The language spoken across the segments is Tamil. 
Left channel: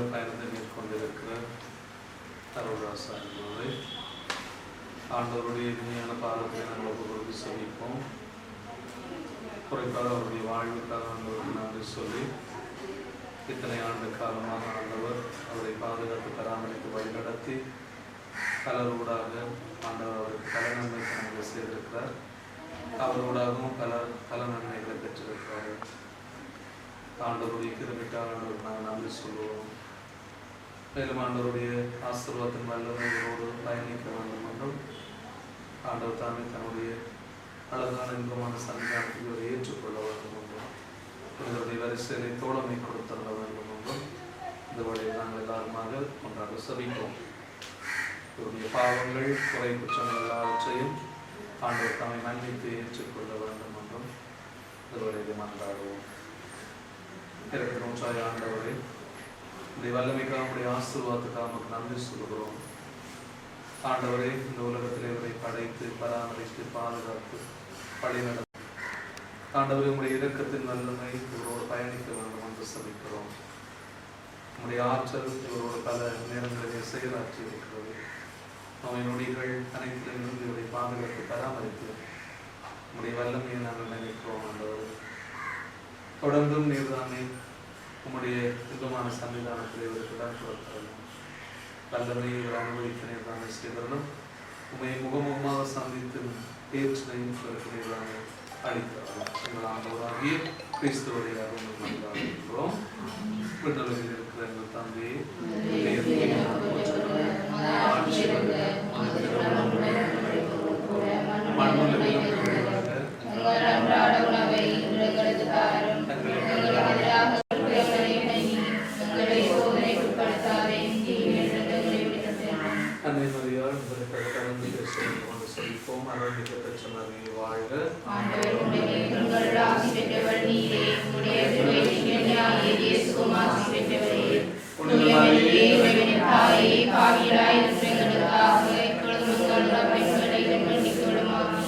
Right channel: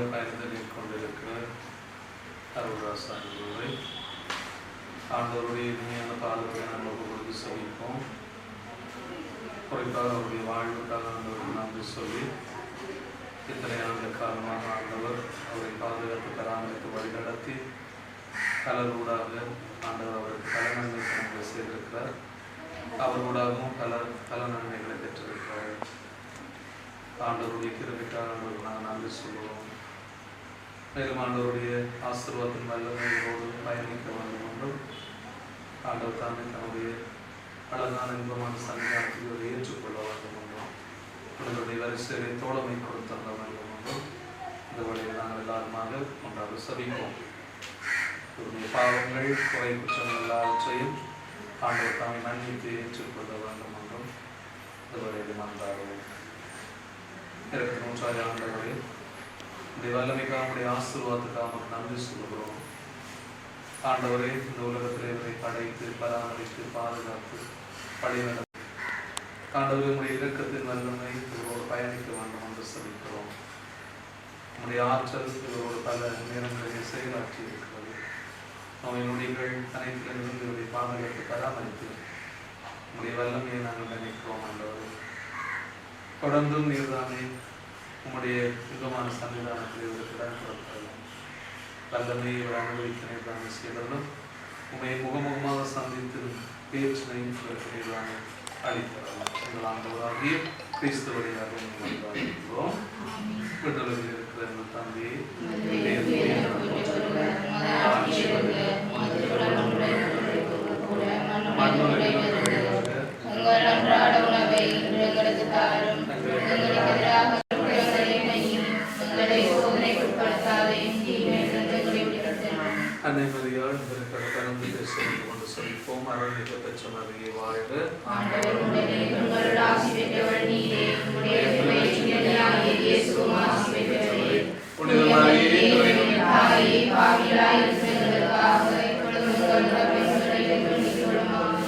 ஊழியமாக பயணத்தை மேற்கொண்டிருக்கிற அருள்ராசா என்பவரை ஆண்டவருடைய இனிமையான பாதத்தை நாங்கள் ஒப்பு கொடுத்து சந்திப்போம். குறிப்பாக அவருடைய வாழ்வுக்காக ஆண்டவருக்கு நன்றி சொல்லி இத்தனை ஆண்டு காலமாக ஆண்டவர் அவரை பாதுகாத்து பராமரித்து வழிநடத்தி பலரூடாக ஆண்டவர் அவருக்கு பல நன்மை பணங்களை செய்திருக்கிறார். அவரோடாகவும் பல நன்மைகளை பெற்றிருக்கிறார். ஆண்டவருடைய கிருபைக்காக நாங்கள் நன்றி சொல்லுவோம். மேலும் ஆண்டவருடைய ஆசீர்வாதத்தின் வல்லமையோடு பயணிக்க வேண்டும் என்றும் ஆண்டவர் தாமே தன்னுடைய அழகான இன்பமான சன்னிதானத்தை ஏற்றுக்கொள்ள வேண்டும் என்றும் உங்களுடைய வரிசையை தோழமை கொடுத்தள்ள வேண்டும் என்றும் இந்த வழியில் நாங்கள் எல்லாருமாக கொண்டாட சபிப்போம். இவருடைய பாவங்கள் குறை குற்றங்கள் எல்லாவற்றையும் ஆண்டவர் தாமே மன்னித்து ஏற்றுக்கொள்ள வேண்டும் என்றும் இந்த வழியில் மன்றாடுவோம். இருக்கிற நூற்றாண்டு ஆண்டவரே, உடைய வல்லமைக்காக உடைய ஆசீர்வாதத்துக்காக நன்றி சொல்லுகிறோம். ஆண்டவரே, இந்த உலகத்தில் இவரை படைத்து பராமரித்து பாதுகாத்து வழிநடத்தி ஆண்டவரே, உடைய இரக்கத்தின் வல்லமை இவரோடு பயணிக்க வேண்டும் என்று சபிக்கிறோம். உடைய ஆற்றல் இவரோடு பல நேரங்களிலே செயலாற்றி இருக்கிறது. நோய் நொடிகள் அனைத்திலிருந்து இவரை பாதுகாத்து பராமரித்து உடைய வல்லமையை நாங்கள் நினைக்கிறோம். ஆண்டவரே, தொடர்ந்தும் நீர்தானே உம்முடைய இன்பமான சன்னிதானத்தில் இவருக்கு தான் கொடுத்தாலும் வல்லமையை இவர் அனுபவிக்க நீர்தானே செய்தாலும் உண்மையை முகமுகமாக சந்தித்து பேச்சினையும் இவருக்கு நீர்தானே அளித்தாலும் எங்கள் ஆண்டவராகிய கிறிஸ்து வழியாக நல்வாழ்கிறோம். விடுதலையில் இருக்கிற எங்கள் தந்தையை ஆட்சி மண்ணுலகிலும் அன்னை மரியாள் கொண்டு சொல்லிப்போம். அருள்மிகு பெற்றவரே வாழ்க.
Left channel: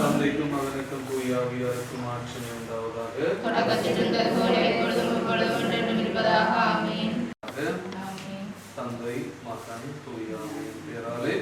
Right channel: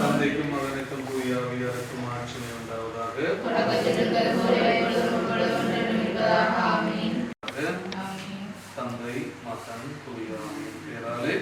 தந்தைக்கும் மகனுக்கும் தூய ஆவியாருக்கும் ஆட்சி உண்டாவதாக. தந்தை மகன் தூய ஆவியின் பேராலே.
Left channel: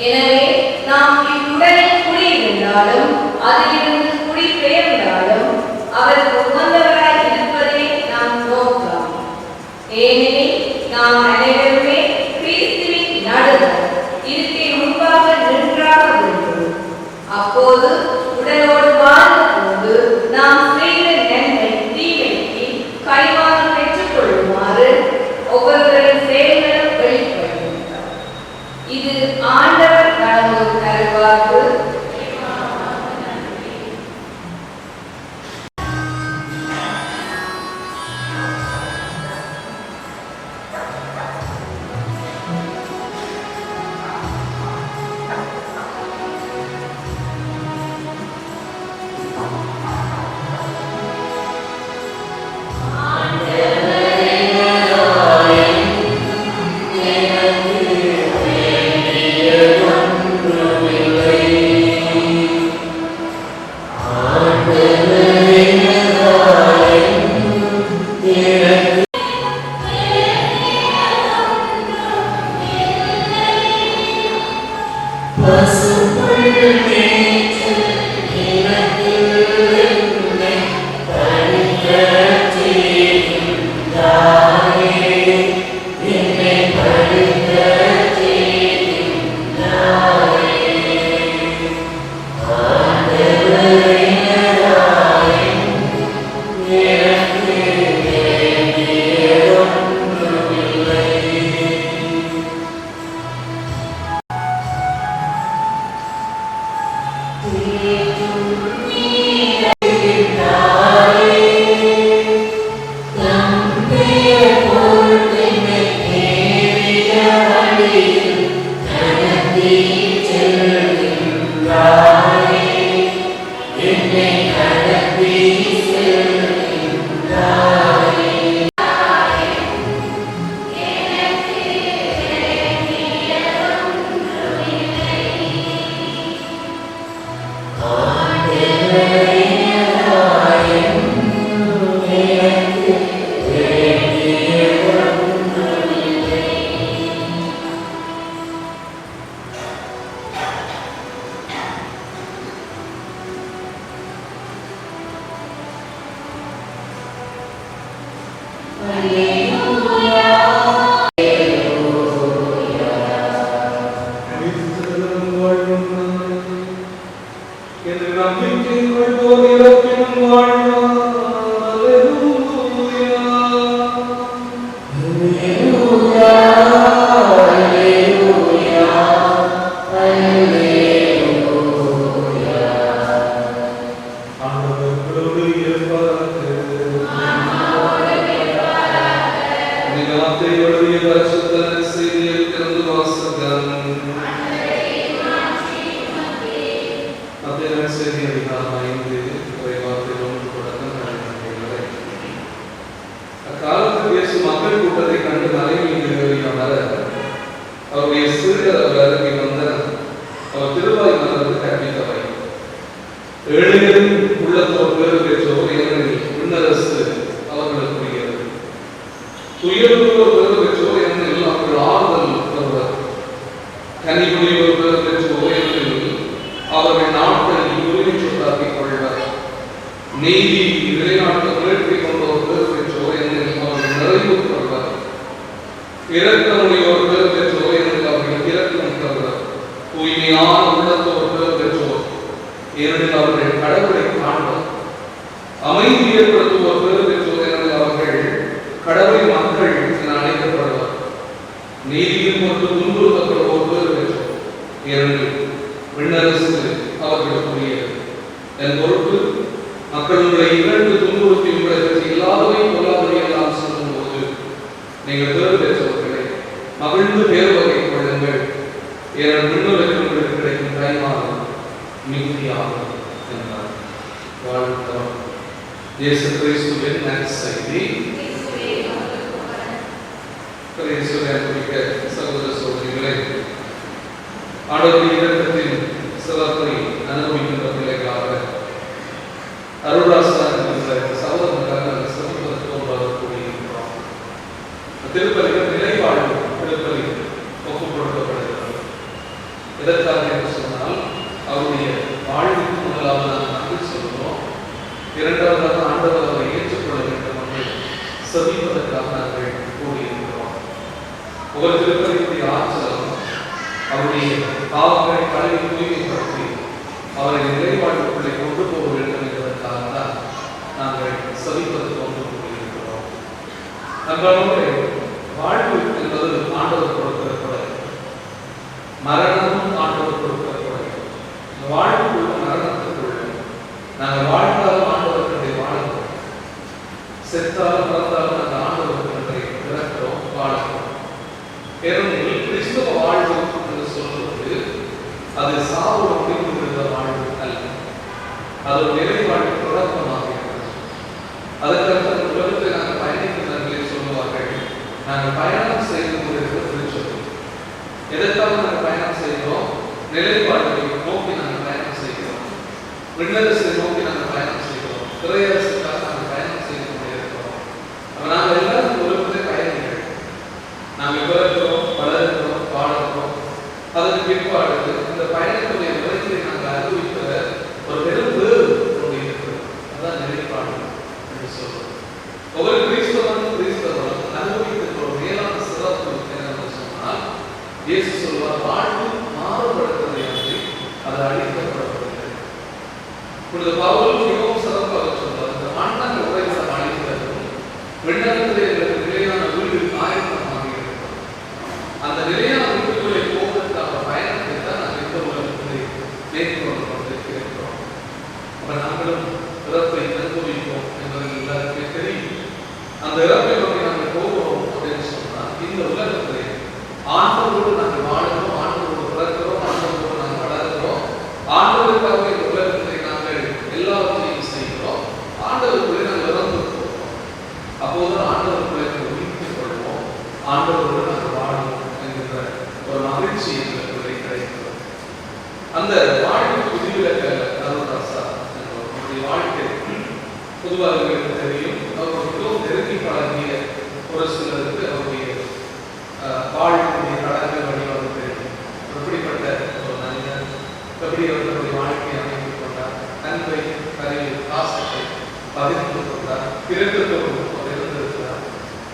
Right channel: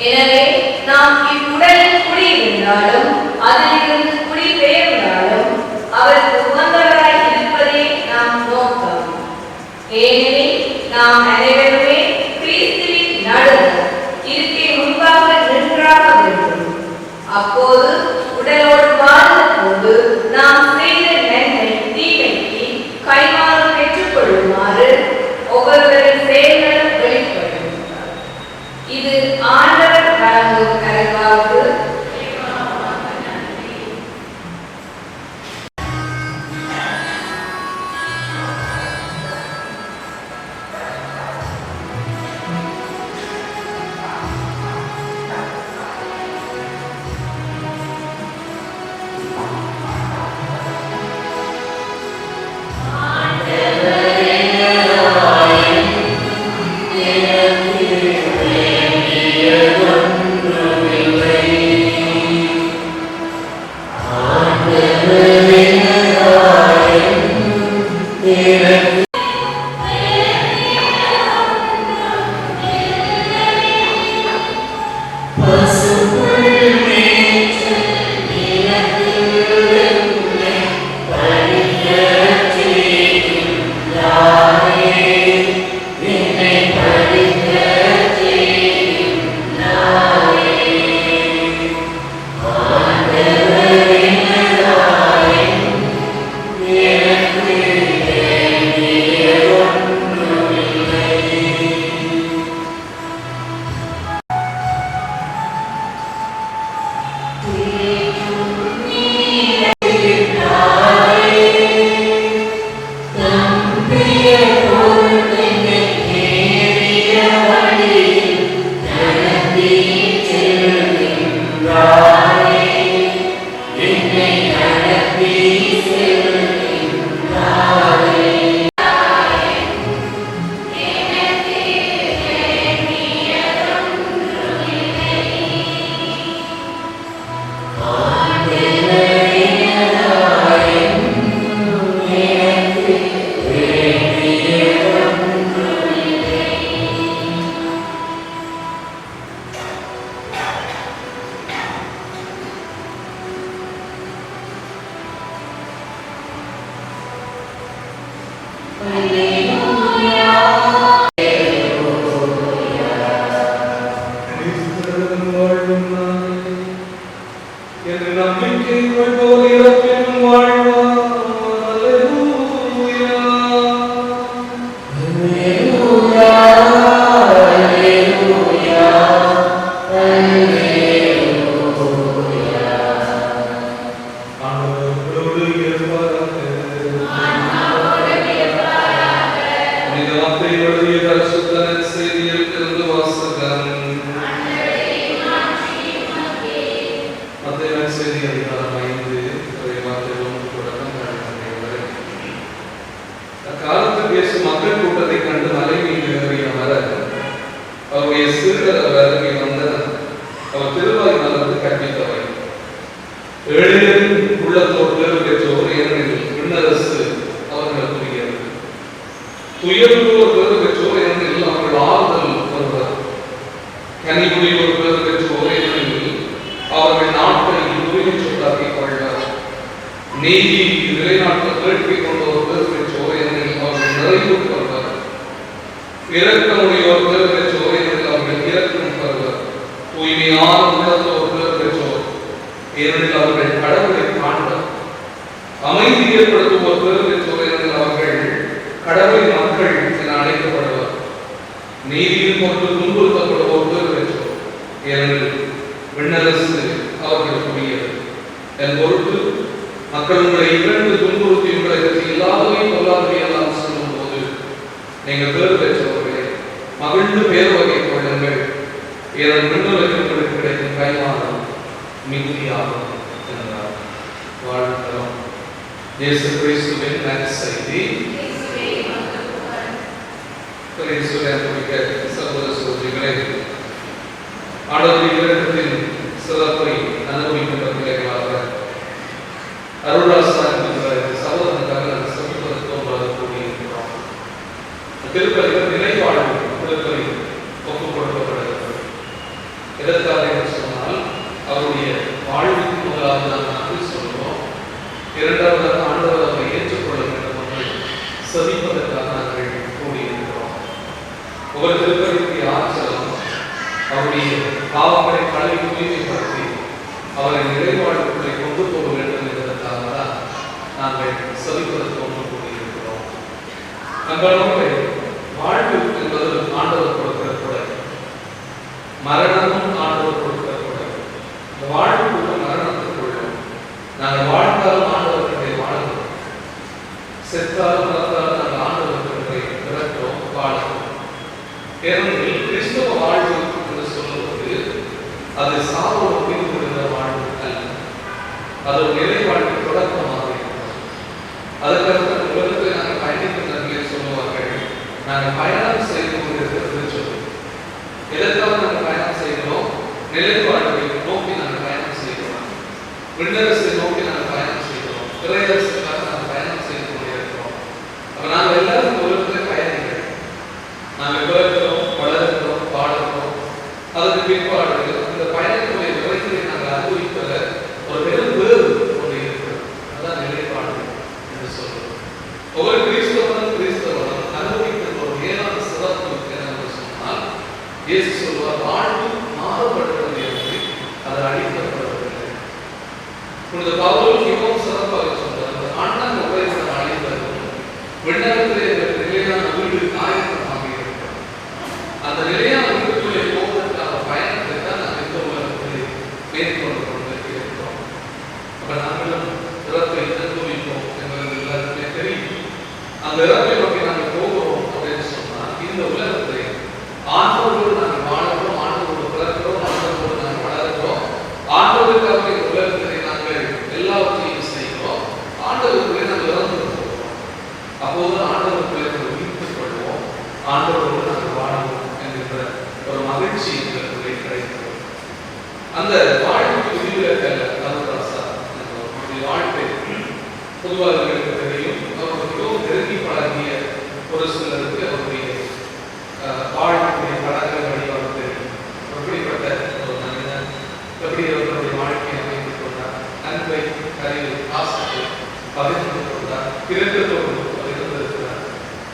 எனவே நாம் இவ்வுடலில் குடியிருந்தாலும் அதிலிருந்து குடிபெயர்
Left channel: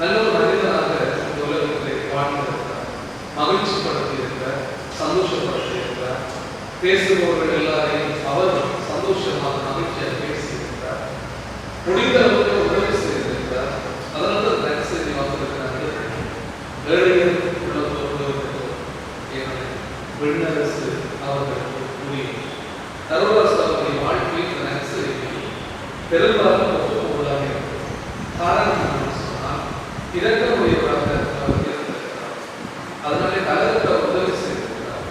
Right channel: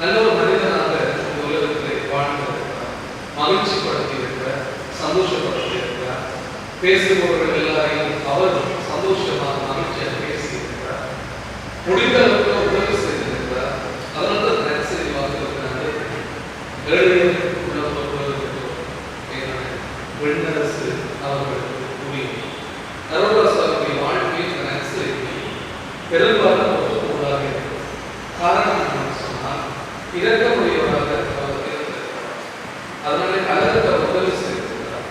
நல்ல ஒரு மனிதனாக இந்த உலகத்திலே வாழ்ந்திருக்கிறார். மகிழ்ச்சி படுத்தி இருக்கிறார், சந்தோஷப்படுத்தி இருக்கிறார். பேசுபவர்கள் எல்லாரையும் அவர் சந்தோஷமாக மகிழ்ச்சியாக பேசியிருக்கிறார். முடிந்த அளவுக்கு உதவி செய்திருக்கிறார். அதனால நற்செய்தி வாசிக்கிறாங்க. ஏழை உள்ளவர்களுக்கு விண்ணரசு அவர்களுக்கு புரியும். கருணாஸ் அவருடைய வாழ்க்கையில் நற்செய்தி பெரும்பாலும் ஒப்புக்கொள்ளாக இருக்கிறது. காரணம் என்னன்னு சொன்னால் இரக்கமுடையவராக அவர் இருந்திருக்கிறார். அதனால கலருக்கு அவர் உதவி செய்திருக்கிறார்.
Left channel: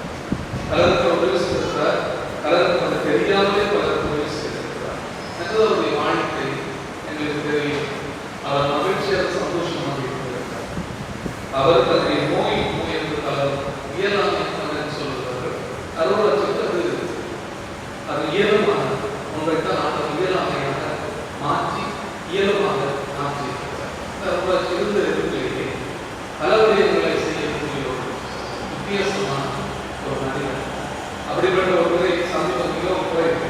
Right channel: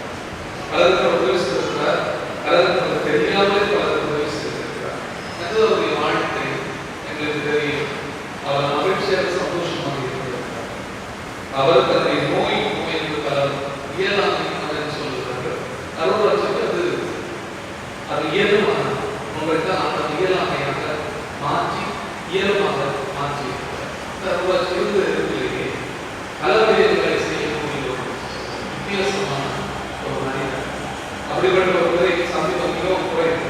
கலருக்கு உதவி செய்திருக்கிறார். கலருக்கு தெரியாமலே பலருக்கு உதவி செய்திருக்கிறார். அவருடைய வாழ்க்கை எங்களுக்கு தெரியும். அவர் மகிழ்ச்சியாக சந்தோஷமாக இருக்கிறார். அவர் தன்னுடைய நோய் என்று பலர் இயலாமை சொல்லுகிறார்கள். அருளாட்சிக்கு அது இயலுமாக உங்களுக்கு அந்த இயலாமையாக மாற்றி இயலுமாக மாற்றி இருந்து பல விடயங்களை செய்யக்கூடிய ஒரு வித்தியாசமான ஒரு மனிதன். அப்படிப்பட்ட ஒரு முறை சந்திக்க மிகவும் குறைவு.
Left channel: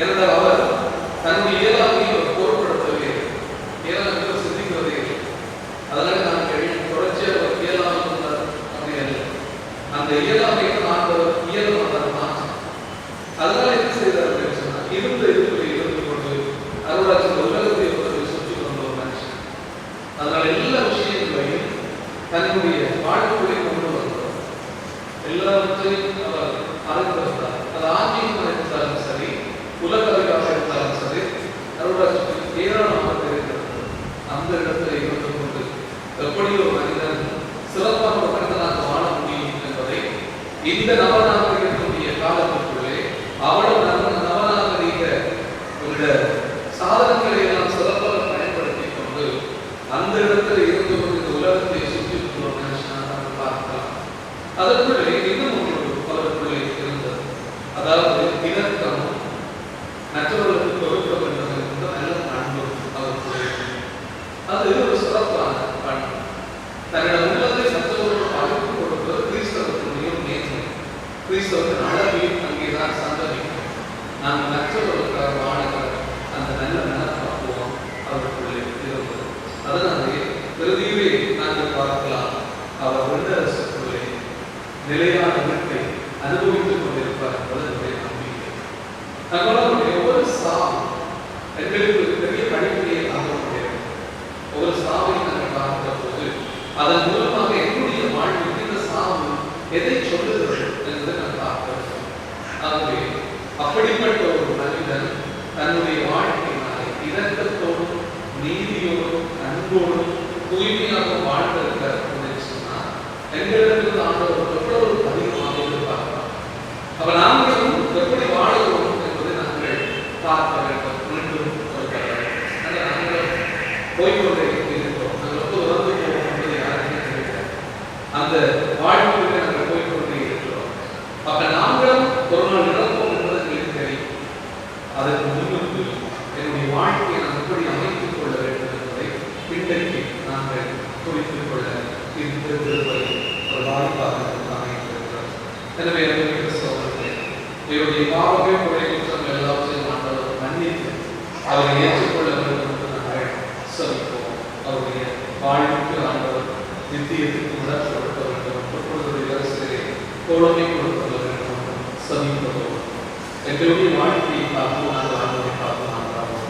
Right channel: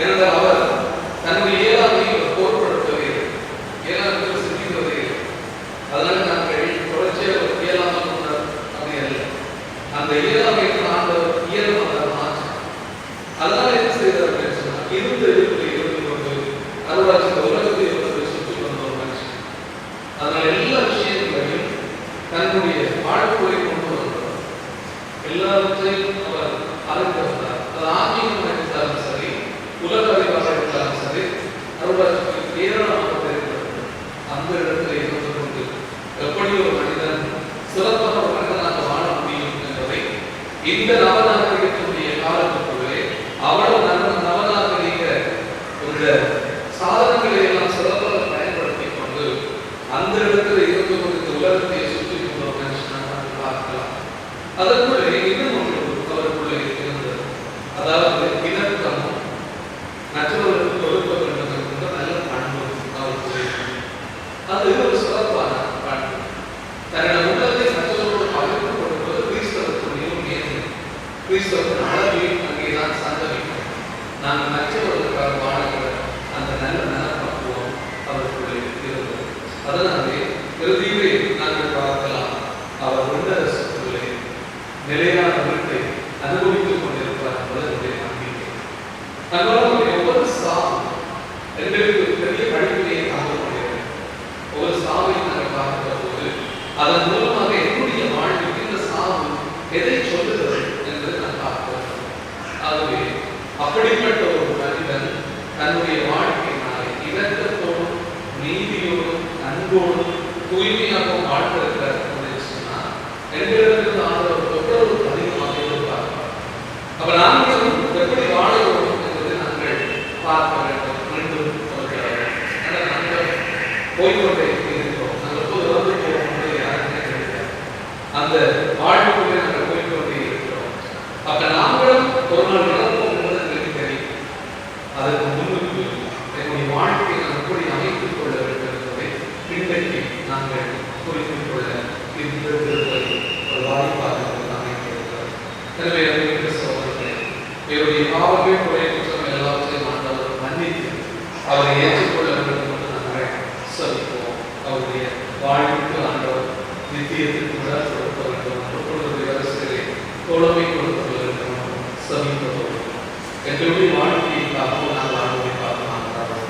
ஏனென்றால் அவர் தன்னுடைய இயலாமையை பொருட்படுத்தவே இயலாமையை சிந்திப்பதே. அதனால நாங்கள் தொடர்ச்சியாக ஒரு இயலாமை கொண்டார் அப்படி அல்ல. அந்த இயலாமையை ஆண்டவர் இயலுமாக மாற்றி அதனால என்ன செய்தார் அப்படின்னு சொன்னால் இருந்த இடத்துல இருந்து கொண்டு அருளாட்சி உலகத்தை சுற்றி வந்த ஒரு மனுஷன். அதனால எல்லா விஷயங்களையும் தன்னுடைய வாழ்க்கையை கொண்டு வந்தார். எல்லாவற்றையும் அவர் அறிந்து வந்தார். அது ஆன்மீகமாக இருந்தாலும் சரி, உலக அறிவாக இருந்தாலும் சரி, அருளாட்சிக்கு ஏராளமாக தெரிந்தது. அந்த இடத்துல இருந்து கொண்டு எப்படி ஒரு மனிதன் சிறப்பாக ஒரு மனிதனாக வாழ முடியும் என்பதை இந்த நவநாகரிகத்தினுடைய காலத்துக்குள்ளே அவ்வளவு நவநாகரிக இந்த சாதனங்களை எல்லாம் சிறப்பாக பயன்படுத்திக் கொண்டு அந்த இடத்துல இருந்து கொண்டு உலகத்தை சுற்றி மனுஷனாக பார்க்கலாம். அதற்குள்ளே இன்னும் ஒன்று அவருக்குள்ளே இருந்தது. அதாவது இணக்கமும் மற்றவர்களுக்கு கொடுக்க வேண்டும் என்ற நல்ல பண்பு அவருக்குள்ளே. அது ஒரு சிறப்பான பண்பு. தன்னுடைய உள்ளத்தை மற்றவர்களோடு பகிர்ந்து கொடுப்பது கிறிஸ்தவத்துடைய மேன்மை. கிறிஸ்தவத்தின் அழகையும் அங்கேதான் சந்தமிக்கும். நாங்கள் மற்றவர்களுக்காக வாழ்கிற அந்த நல்ல மனப்பக்குவம் அவருக்குள்ளே இருந்தது. அதனாலே இறுதியிலே நாங்கள் பார்க்கலாம், அவர் உள்ளே நிலையான வீட்டை அனுபவித்துக் கொண்டிருப்பார் என்பதனுடைய நம்பிக்கை. நம்மளுடைய ஒவ்வொரு சாவும் எங்களுக்கு பெரிய படிப்பினை ஆகக்கூடியது. ஒவ்வொரு சாவை நாங்கள் பார்க்கிற போது அதன் மூலமாக என்னுடைய வாழ்வில் இந்த சாவு எதை சொல்லுகிறது என்று நான் பார்க்கிறேன். ஆகவே அப்படிப்பட்ட ஒரு மனிதன் தன்னுடைய வாழ்க்கையினாலே இரக்கத்தோடும் நீதியோடும் அன்போடும் தூய்மையாக வாழ்ந்திருக்கிறார் என்று சொன்னால் எங்களிடத்தில் ஆண்டவர் எவ்வளவு அதிகமாக எதிர்பார்ப்பார். அப்ப நாங்களும் எப்படி வாழ வேண்டும் என்பதை நாங்கள் பார்க்க வேண்டும். மீண்டும் நாங்கள் போய்கொண்டே இருக்கிறோம். நாங்கள் எப்போது இறந்து போவோம் என்பதை யாருமே தெரியாது. அந்த வாழ்க்கையை நாங்கள் போய்கொண்டே இருக்கிறோம். அப்ப நாங்களும் ஒரு நாள் இறப்போம் என்பது எங்களுக்கு தெரியும். அதற்கு முன்னுக்கு என்னுடைய வாழ்க்கையை நாம் எப்படி அமைத்துக் கொள்ள வேண்டும் என்பதை இன்றைக்கு நாங்கள் குறித்துக் கொள்ள இந்த திருப்பதி ஒரு வாய்ப்பாக அமைந்திருக்கிறார். எனவே கிறிஸ்தவர்களே, இவருடைய பாவமே குறை குற்றம் எல்லாவற்றையும் ஆண்டவர் மன்னித்து அவரை ஏற்றுக்கொள்ள வேண்டும் என்று நாங்கள் சொல்லுவோம். அவருடைய வாழ்வுக்கு ஆண்டவர் நித்தியத்திற்கு கூட கொடுக்க வேண்டும். கொடுப்பது அரசியலே தோழமை கொடுக்க வேண்டும் சமீபத்தோடு எங்களுடைய வாழ்க்கையை காப்போம். நாங்கள் ஆண்டவரை பார்க்கலாம். ஆண்டவரே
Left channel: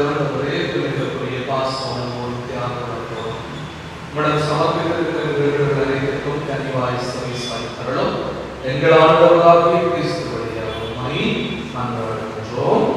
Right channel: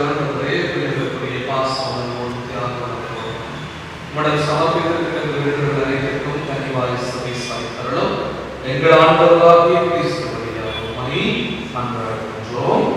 ஆண்டவரே, பிள்ளைகளுக்குரிய பாசம் தியாகம் உடன் சமர்ப்பித்திருக்கிற அனைத்திற்கும் கனிவாய் சபை சாதித்தரலும் எங்கள் ஆண்டவராகிய கிறிஸ்து வழியாக உம்மை மன்றாடுகின்றோம்.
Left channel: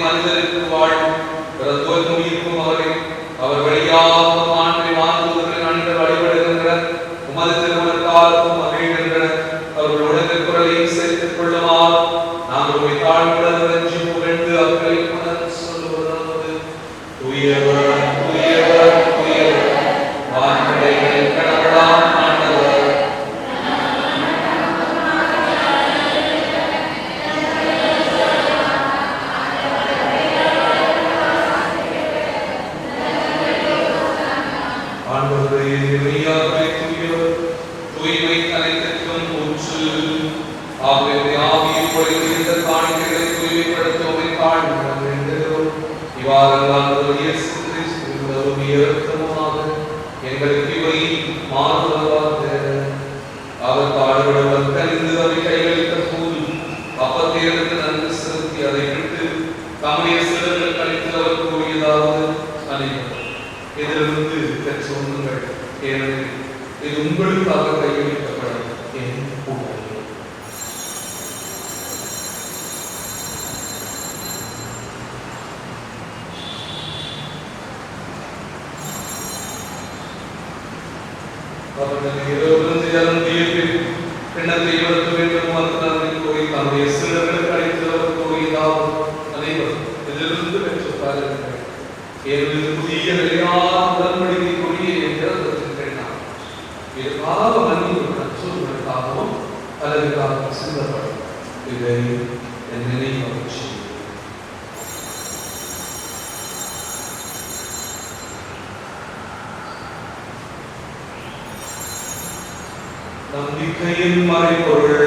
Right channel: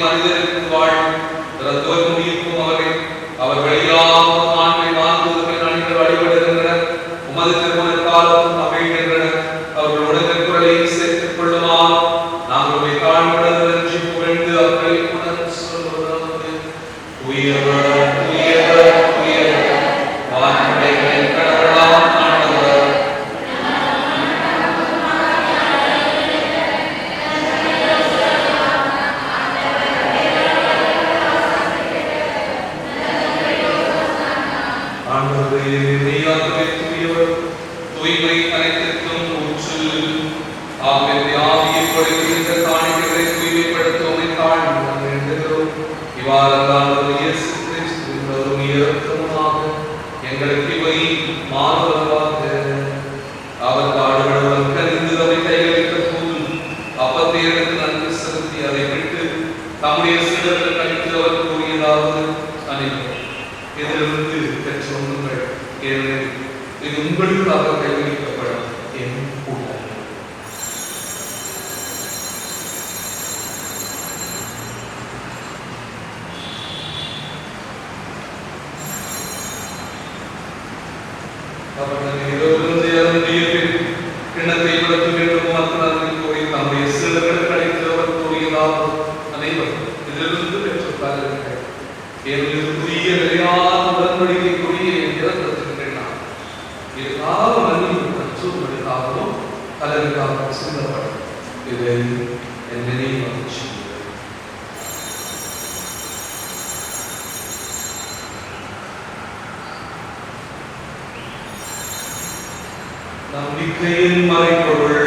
மனிதருக்கு வாழ்வு, ரத்துவ முடிக்கும் அவரை அவர் வழியாக ஆண்மை வாழ்ந்து உமது திருமண காலத்தும் அமைகின்றன. அவர்களுடைய குரலை சேர்த்துக் கொள்ளுமாறு நாங்கள் உம்மை தாழ்வுடன் நன்றி புகழ்ந்து அக்களிப்புடன் சொல்வதாவது: உயர்வர் உயர்வர் உயர்வர் வான்படைகளின் கடவுளாம் ஆண்டவர், ஆண்டவரே மெய்யாகவே தூயவர், தூய்மை அனைத்திற்கும் ஊற்று. ஆகவே ஆவியில் பொழிகின்ற காணிக்கைகளை தூய்மைப்படுத்த உம்மை தாழ்வுடன் வேண்டுகிறோம். இவ்வாறு ஆண்டவர் இயேசு கிறிஸ்துவின் வரும் இரக்கமாக எங்களுக்கு இவை மாறுவதாக. அவர் பாடுபடுவர் கனிந்து அவை கைகளித்த போது அப்பத்தை எடுத்து நன்கு செலுத்தி அதை விட்டு தம்முடைய சீடர்கள் கழித்து அவர் கூறியதாவது: அனைவரும் இதிலிருந்து பெற்று உண்ணுங்கள், ஏனெனில் இது உங்களுக்காக கையளிக்கப்படும் என் கூட்டம். கிண்ணத்தை வளர்க்க வேண்டும் மற்றவர்கள் போய் தம்முடைய சீடர்கள் கழித்து அவர் கூறியதாவது: அனைவரும் இதிலிருந்து பெற்று பாருங்கள், புதிய நிலையான உடன்படிக்கைக்குரிய இரத்தத்தின் நாம் இது கால மனித நச்சோர்களுக்காகவும் அதற்காக சிந்தப்படும். இதை என் நினைவாக நம்பிக்கையின் மறைபொருள்.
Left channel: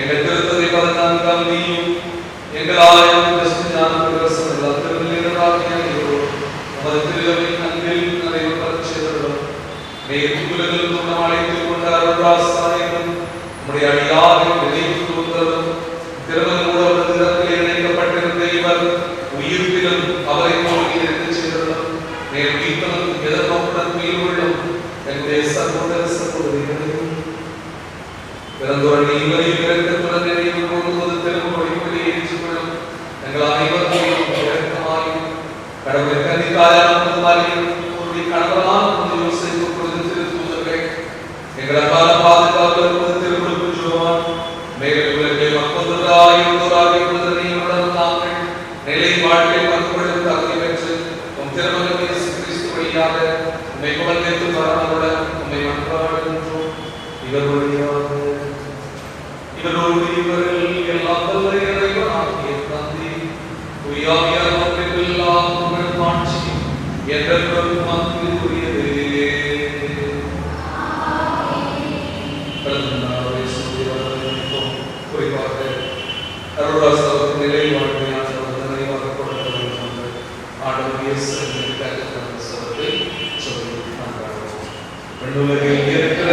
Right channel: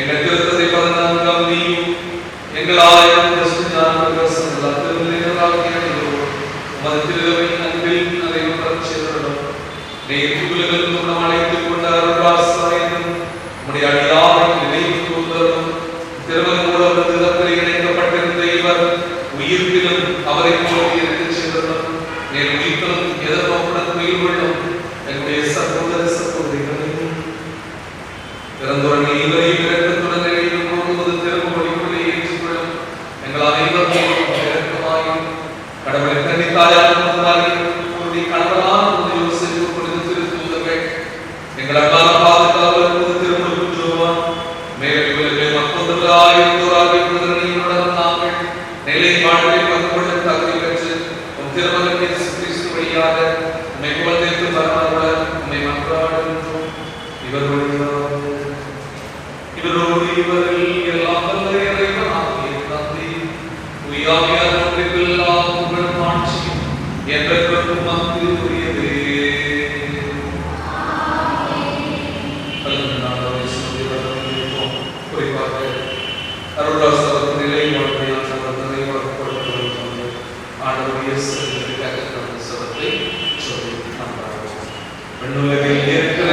எங்கள் திருத்தத்தை 14ஆம் நீயும் எங்கள் ஆயிரம் உமது திருவின் அன்பில் நடைபெறச் செய்தோம். உலகில் நாம் அழைத்துக் கொண்ட அருள்வாசாயம் நம்முடைய அடியாரை நினைவு கூர்ந்ததும் திருவங்கூட தினத்தில் இணைக்கப்பட்டிருந்த இவர் உயிர்ப்பிலும் அவரை போல் எடுத்துச் சென்றதும் மேல் உயிர்த்தலும் எதிர்நோக்குடன் உயிர் உள்ளும் எங்களுடைய சகோதர சகோதரிகளையும் இறந்தோரை இவரையும் இரக்கத்துடன் நினைவு கூர்ந்து திருமொழிகளை ஏற்றுக்கொள்ளும் எங்கள் அனைவரும் இரக்கமாயும் கடவுளை கன்னித்தாயான கணவனான யோசேப்பு கொடுத்து திருத்தூதர்கள் எங்கள் அன்பான பாதுகாவலர் திருமணம் ஜோவான் மேலும் மக்களாயுடன் நாங்கள் நிலை வாழ்க்கை மக்களுடன் தகுதி பெற்று உம் திருமணம் கிறிஸ்து வழியாக உம்மை குழந்தைத்து தரணுடன் உம்மை மன்றாடுகின்றோம். இவரோடு இவரில் எல்லாம் வல்ல இறைவனாகிய தந்தை உயாவியார் ஒன்றிற்கெல்லாம் புகழ் மாட்சியும் என்றென்றும் உமக்கு உரியதே. குறிப்பாக அருளாசவத்தின் நிலை வாழ்க்கையான நிறைவாக கொடுத்த ஆண்டவர் இயேசு சவத்தை சொல்லி நன்றாகும். பெண்ணுலகில் இருக்கிற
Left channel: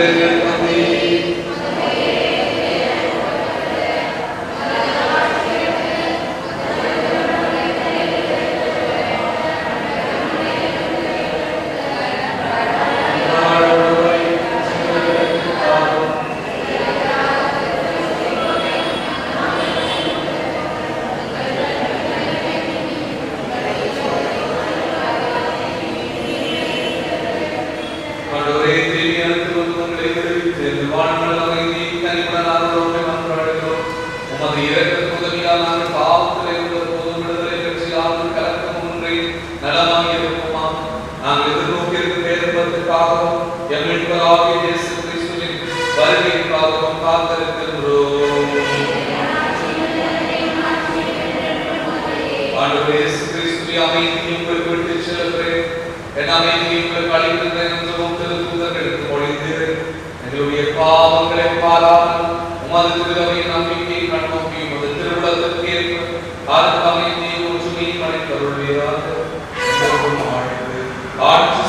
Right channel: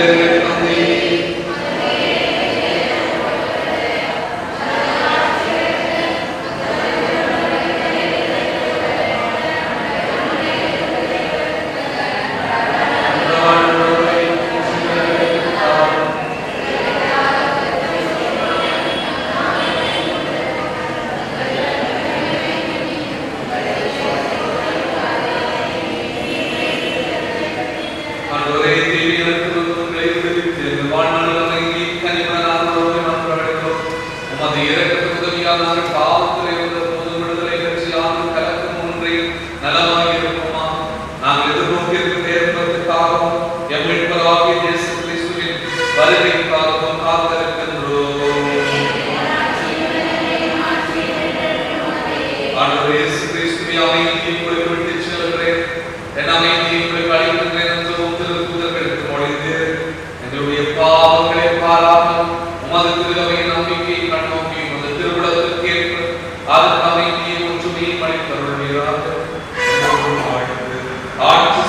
பாவங்களை பாராமல் உமது திருவையின் நம்பிக்கை கண்ணோக்கி உமது திருவிழத்திற்கேற்ப அதற்கு அமைதியை ஒற்றுமையை படைத்தருள்வீராக. ஆட்சி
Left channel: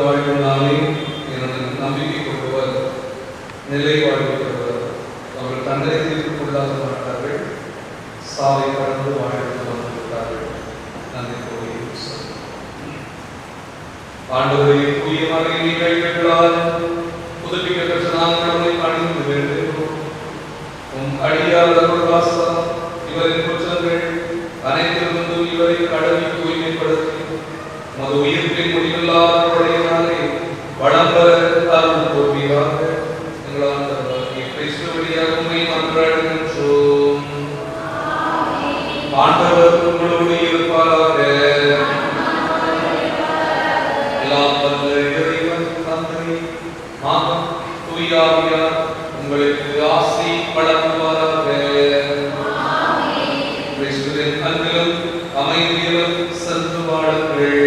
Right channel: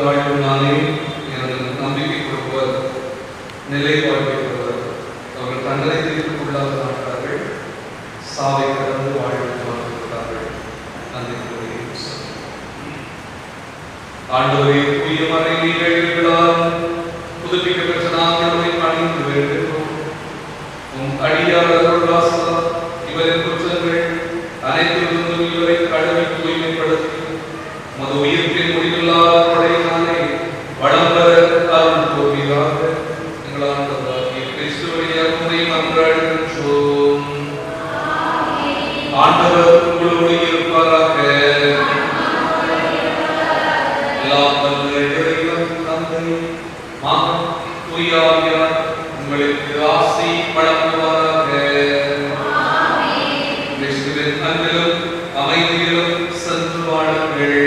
வாழும் நானே எனது நம்பிக்கை கொடுப்பவர், நிலை வாழ்க்கை பெறுவர். அவர்கள் தங்களை தீர்ப்புக்குள்ளாக மாட்டார்கள், சாவை கடந்து வாழ்வதை மாற்றிவிட்டார்கள். நன்றி கூறி ஆண்டவரே, தூய மறை நிகழ்வுகளால் புதுப்பிக்க பெற்ற நாங்கள் அதை பணிந்து வருகிறோம். அடியார் அருள்வாசம் இவரின் குற்றங்கள் அனைத்திலிருந்தும் இவரை கழுவி தூய்மைப்படுத்தி மது உயிர்ப்பின் முடிவில்லாத கொடையினாலே வளம் பெற அருள் புரிவீராக. எங்களாகிய கிறிஸ்து வழியாக உம்மை மன்றாடுகின்றோம். ஆண்டவர் உங்களோடு இருப்பாராக. எல்லாம் வல்ல இறைவன் தந்தை, மகன், தூய ஆவியார் உங்களுக்கு ஆசி வழங்குவாராக. கிறிஸ்துவின் அன்பிலும் அமைதியிலும் சென்று வாழுங்கள்.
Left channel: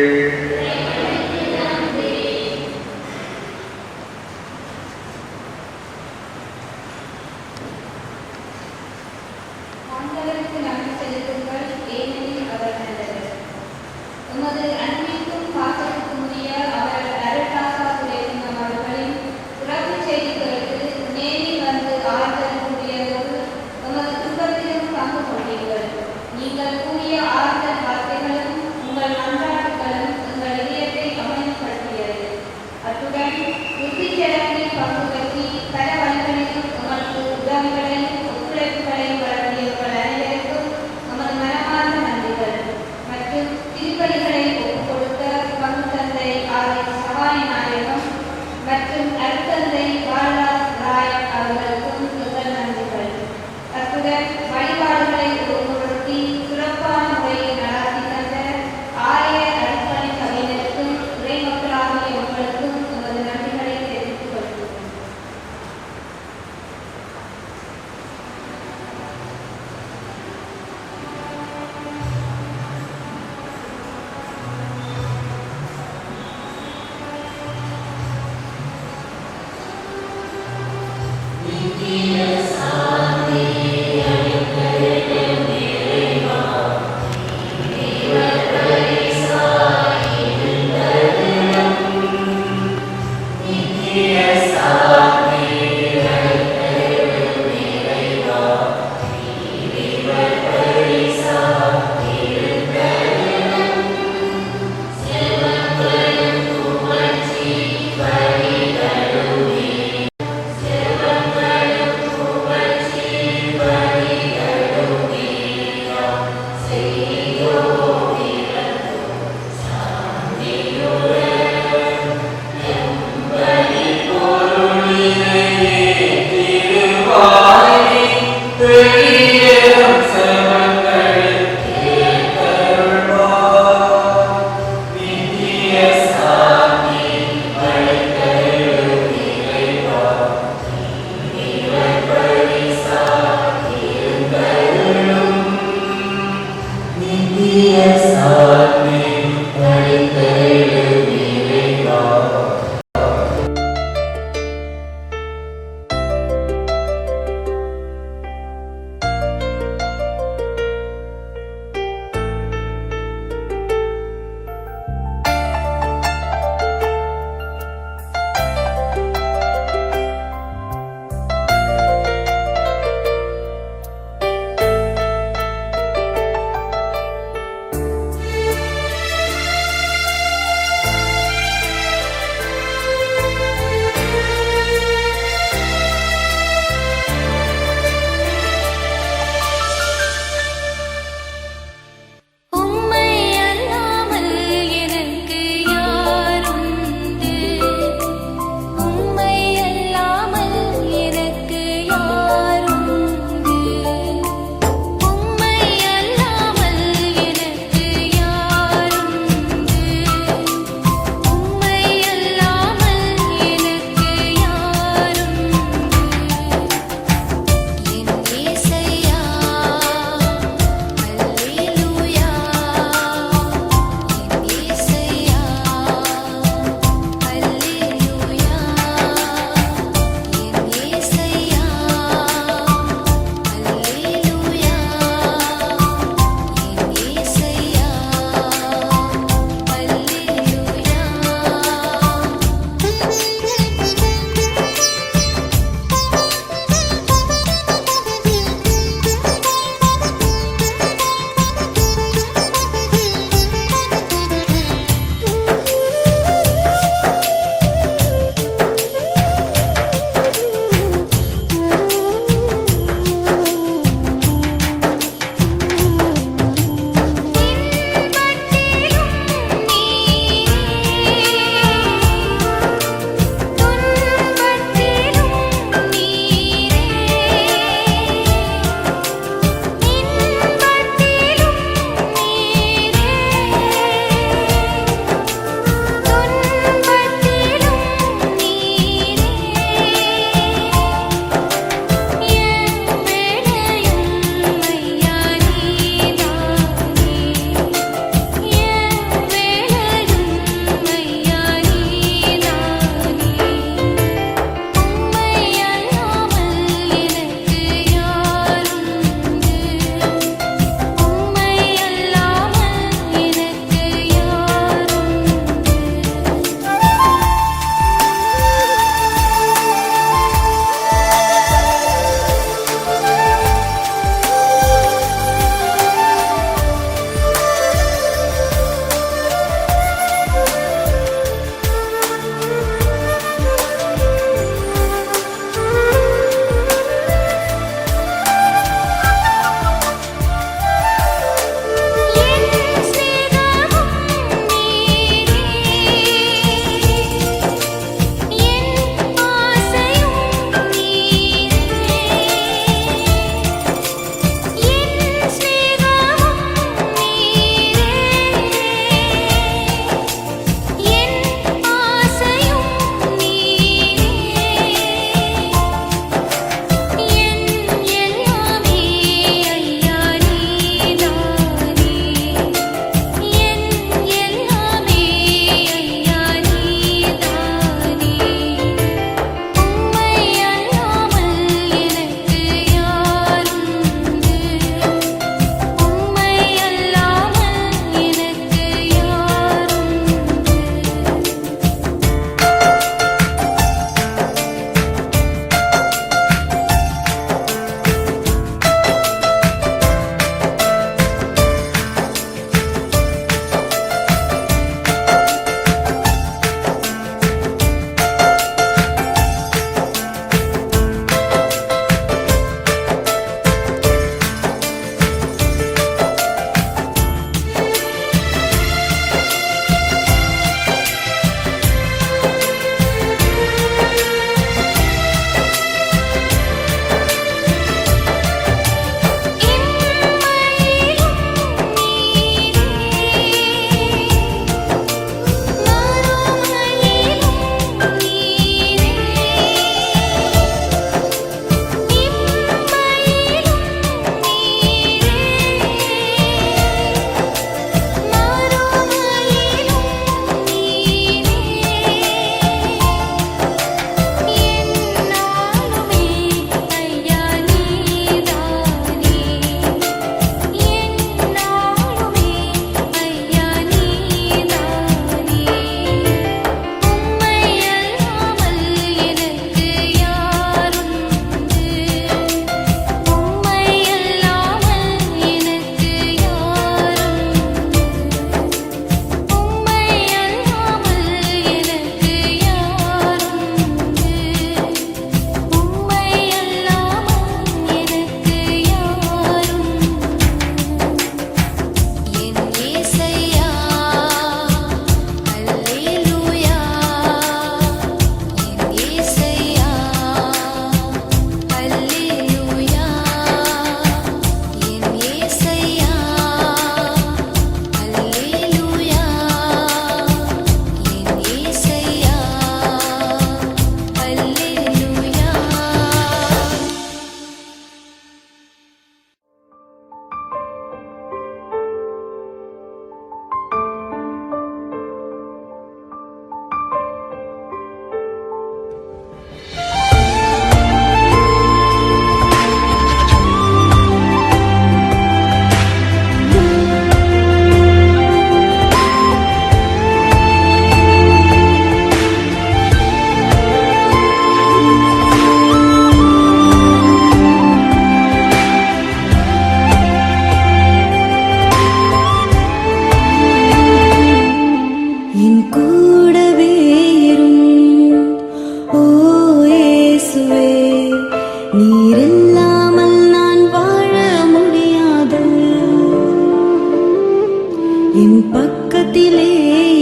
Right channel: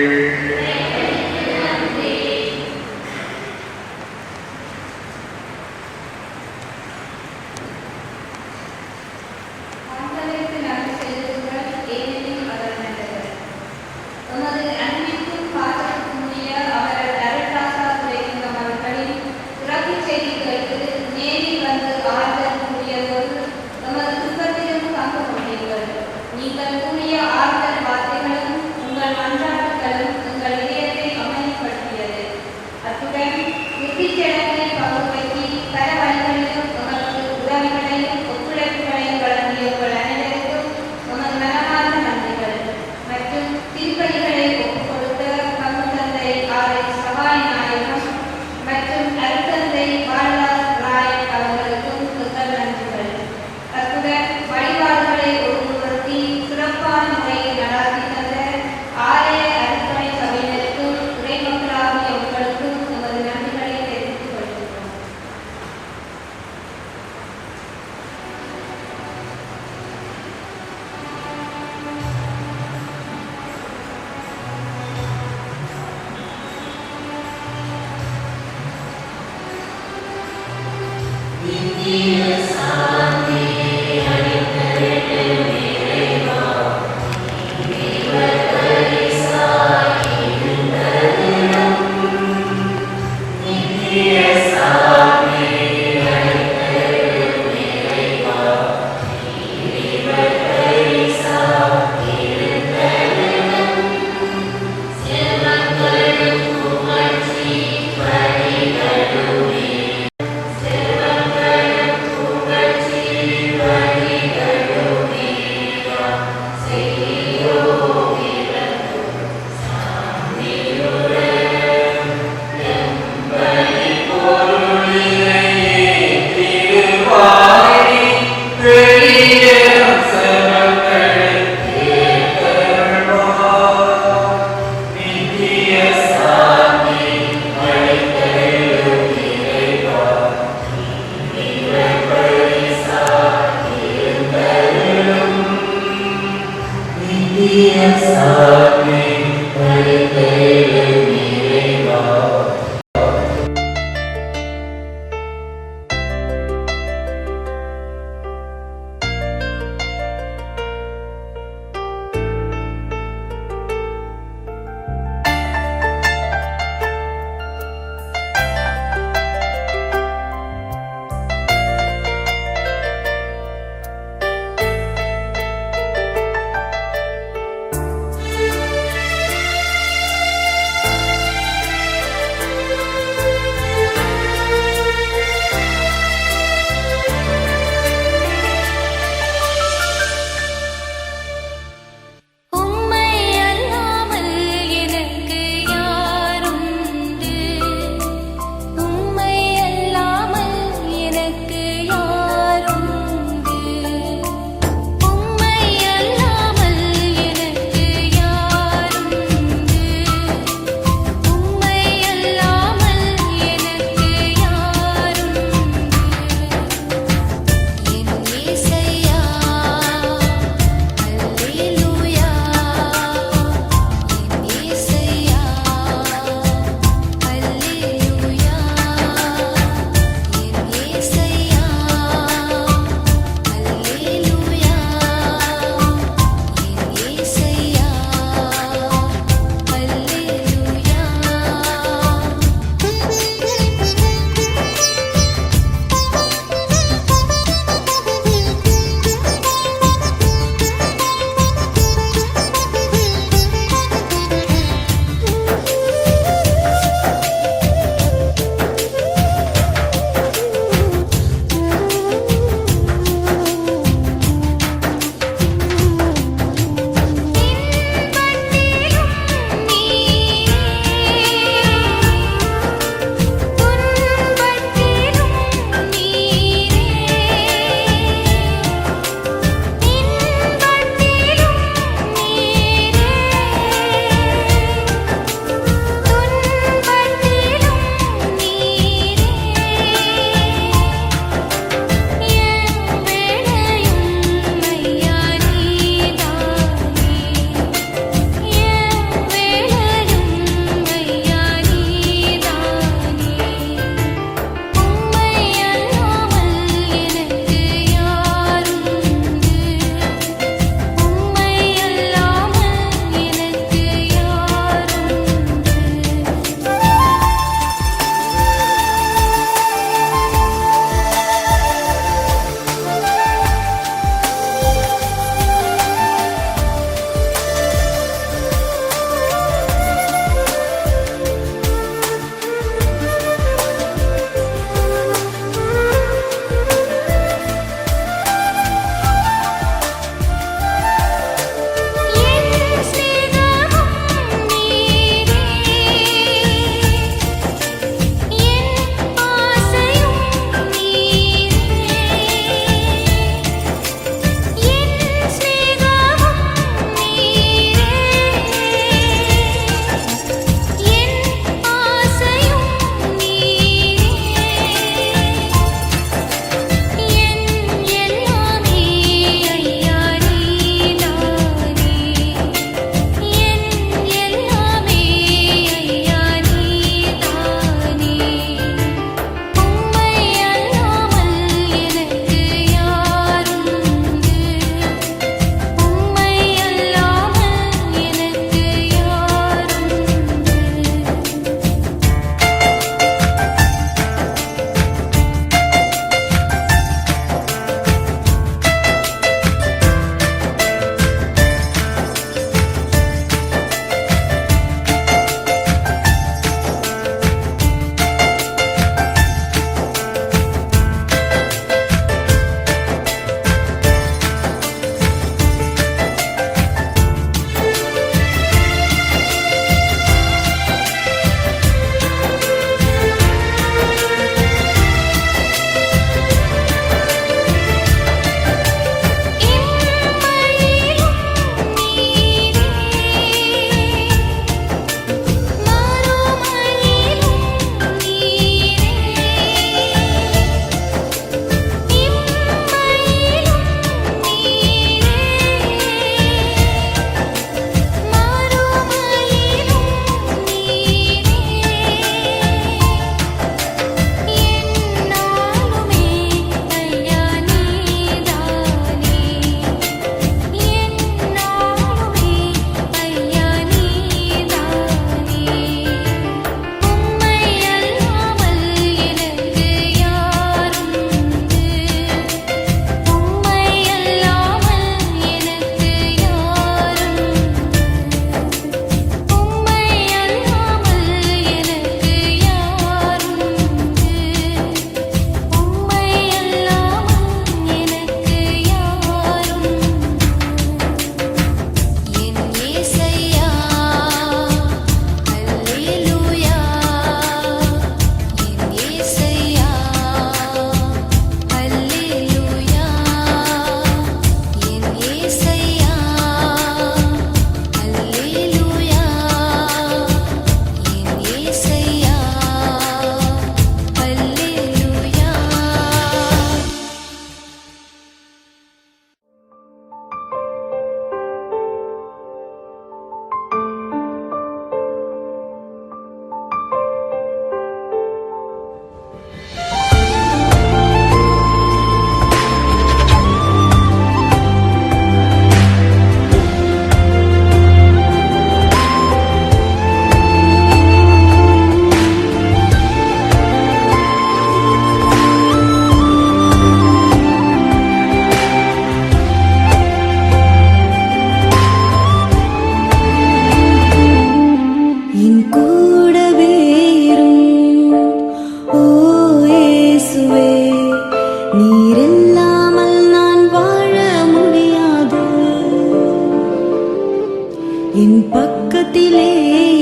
என் பக்கத்திலே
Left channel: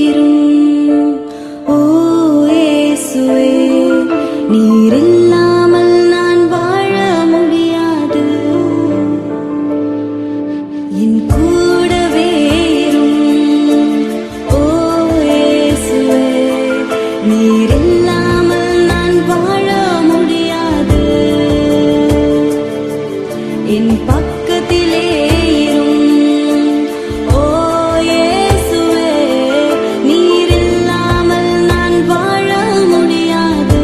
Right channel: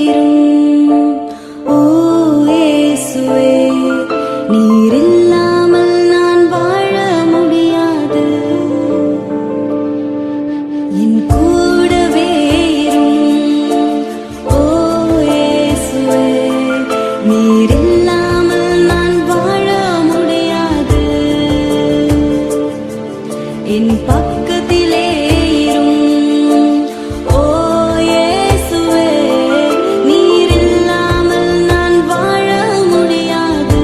இரும். ஓ இயேசுவே, நீர் இல்லாமல் நான் வாழ முடியாது. என் கூடவே இரும். ஓ இயேசுவே, நீர் இல்லாமல் நான் வாழ முடியாது. என் பக்கத்திலே இரும். ஓ இயேசுவே, நீர் இல்லாமல் நான் வாழ முடியாது.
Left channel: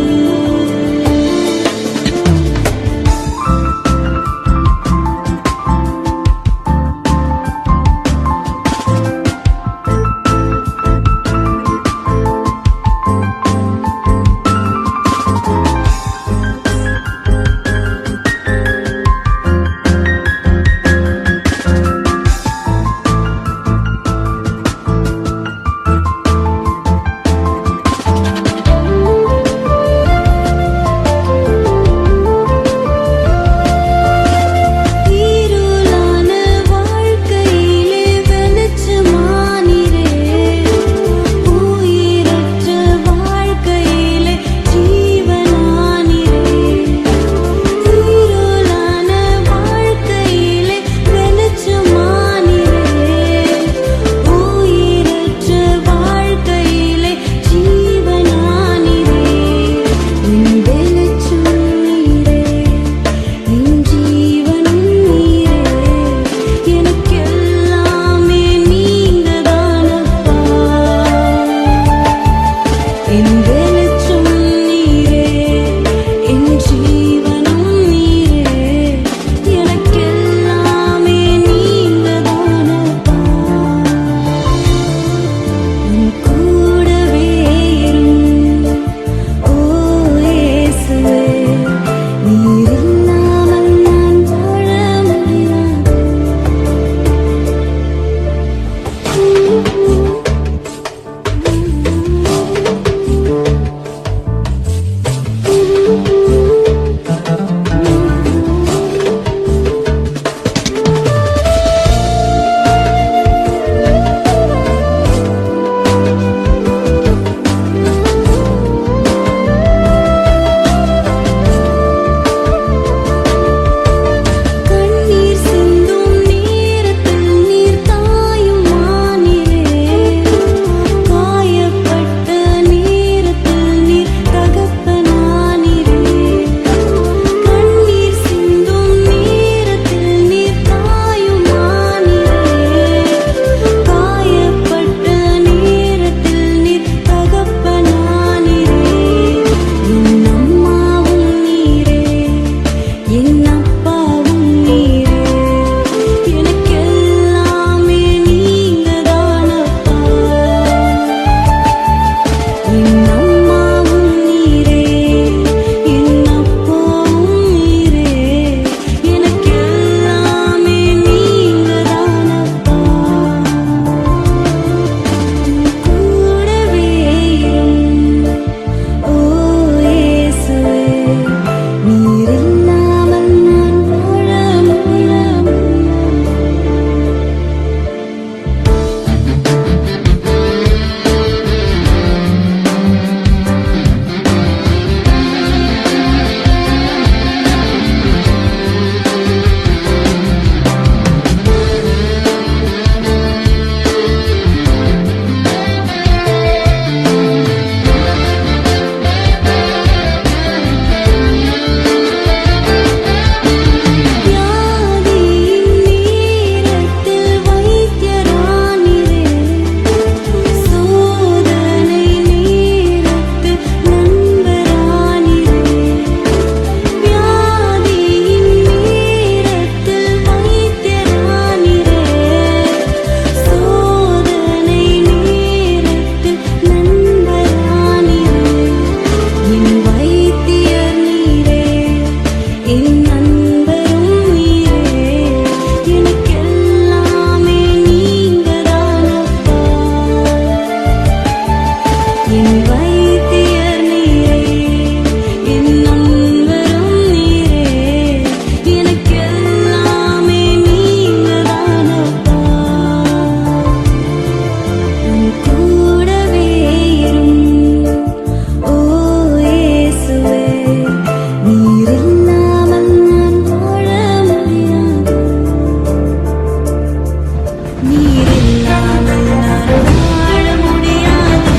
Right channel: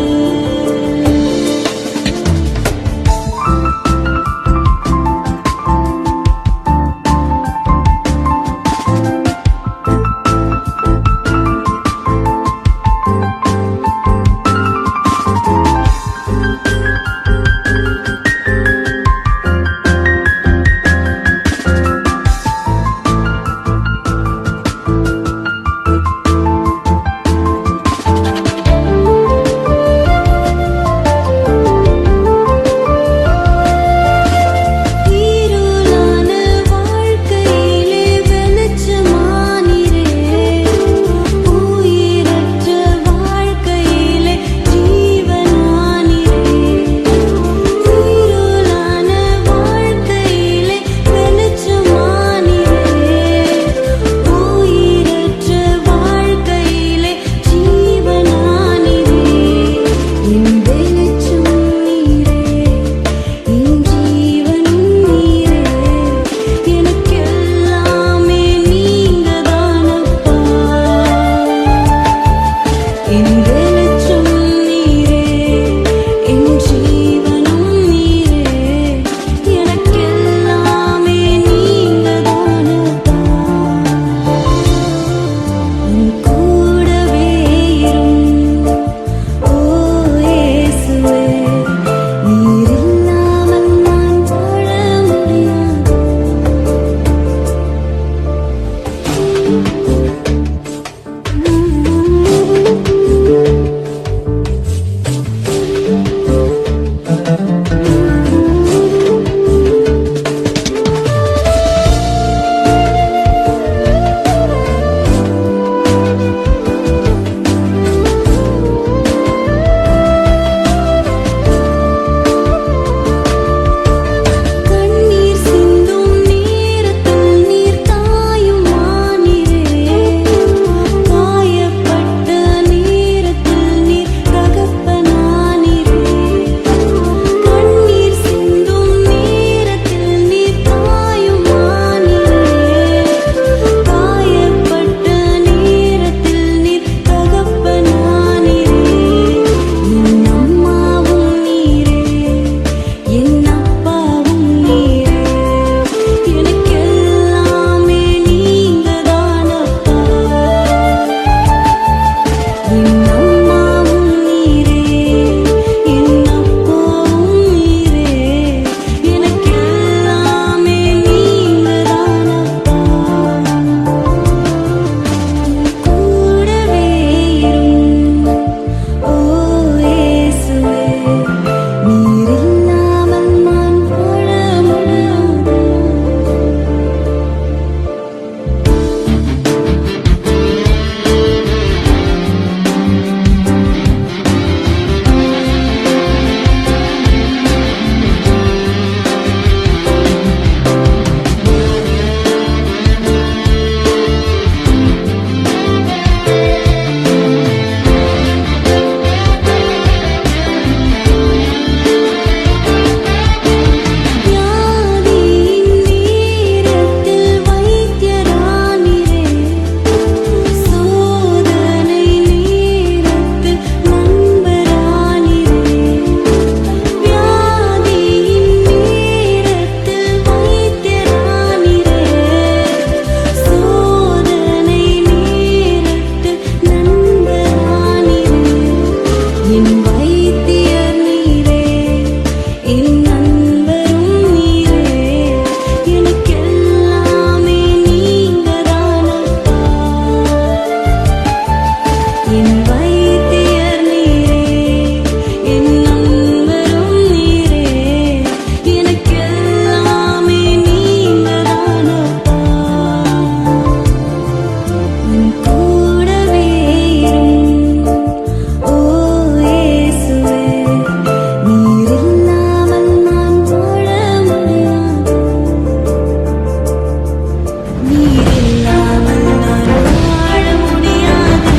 நீர் இல்லாமல் நான் வாழ முடியாது.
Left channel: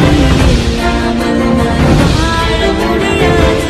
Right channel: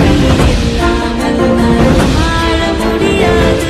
நீர் இல்லாமல் நான் வாழ முடியாது.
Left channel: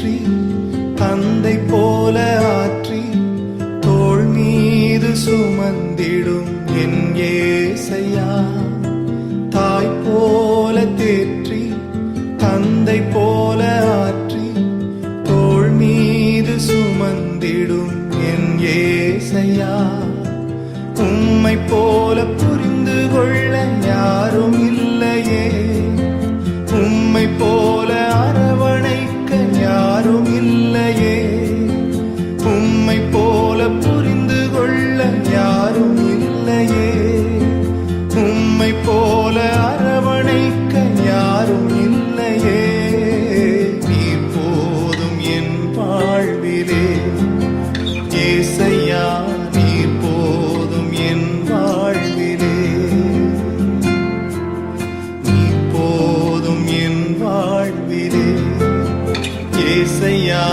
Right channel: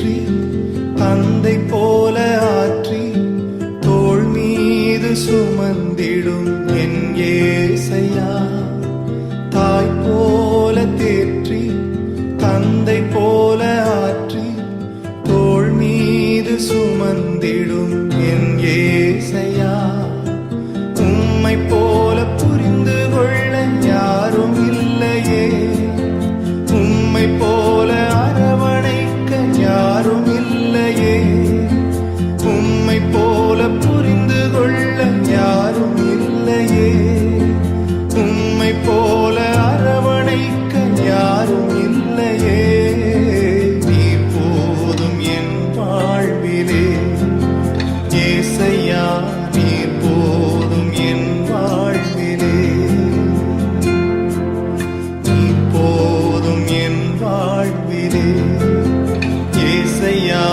தேற்றி தந்தை போல ஆற்றி தோள் மீது சுமந்திடும் என் ஏசையா. தாய் போல தேற்றி தந்தை போல ஆற்றி தோள் மீது சுமந்திடும் என் ஏசையா. உம்மை போல புரிந்து கொள்ள யாரும் இல்லையே, உம்மை போல அரவணைக்க யாரும் இல்லையே, உம்மை போல புரிந்து கொள்ள யாரும் இல்லையே, உம்மை போல அரவணைக்க யாரும் இல்லையே. நீர் போதும் என் வாழ்விலே ஏசையா, நீர் போதும் என் வாழ்விலே, நீர் போதும் என் வாழ்விலே ஏசையா,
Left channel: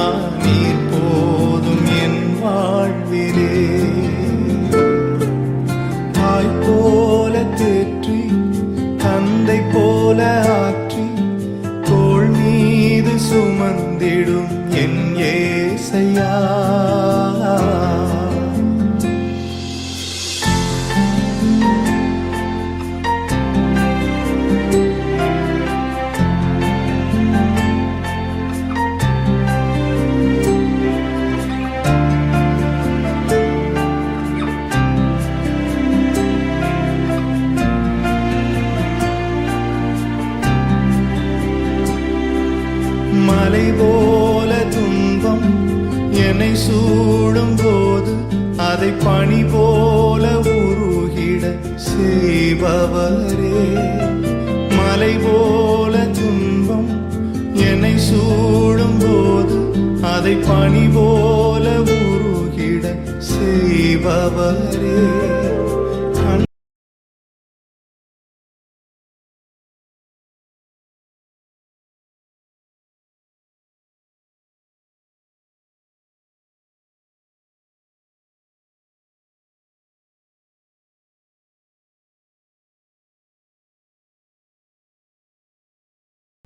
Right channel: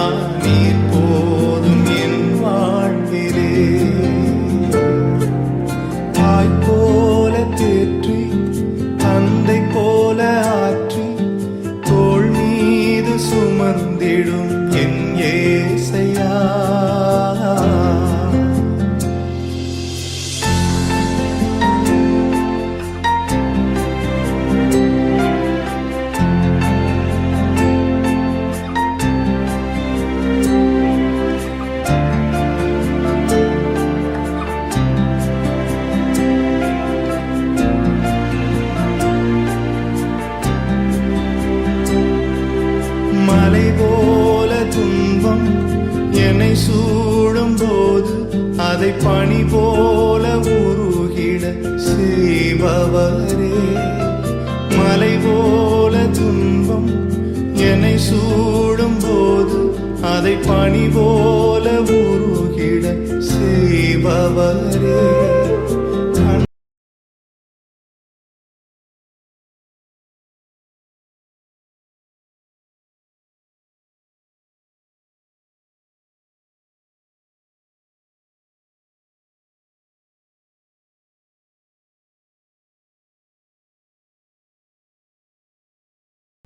நீர் போதும் என் வாழ்விலே. தாய் போல தேற்றி தந்தை போல ஆற்றி தோள் மீது சுமந்திடும் என் ஏசையா. மலை போல துன்பம் என்னை சூடும் போது அதை பனி போல உருகிட செய்பவரே. மலை போல துன்பம் என்னை சூடும் போது அதை பனி போல உருகிட செய்பவரே.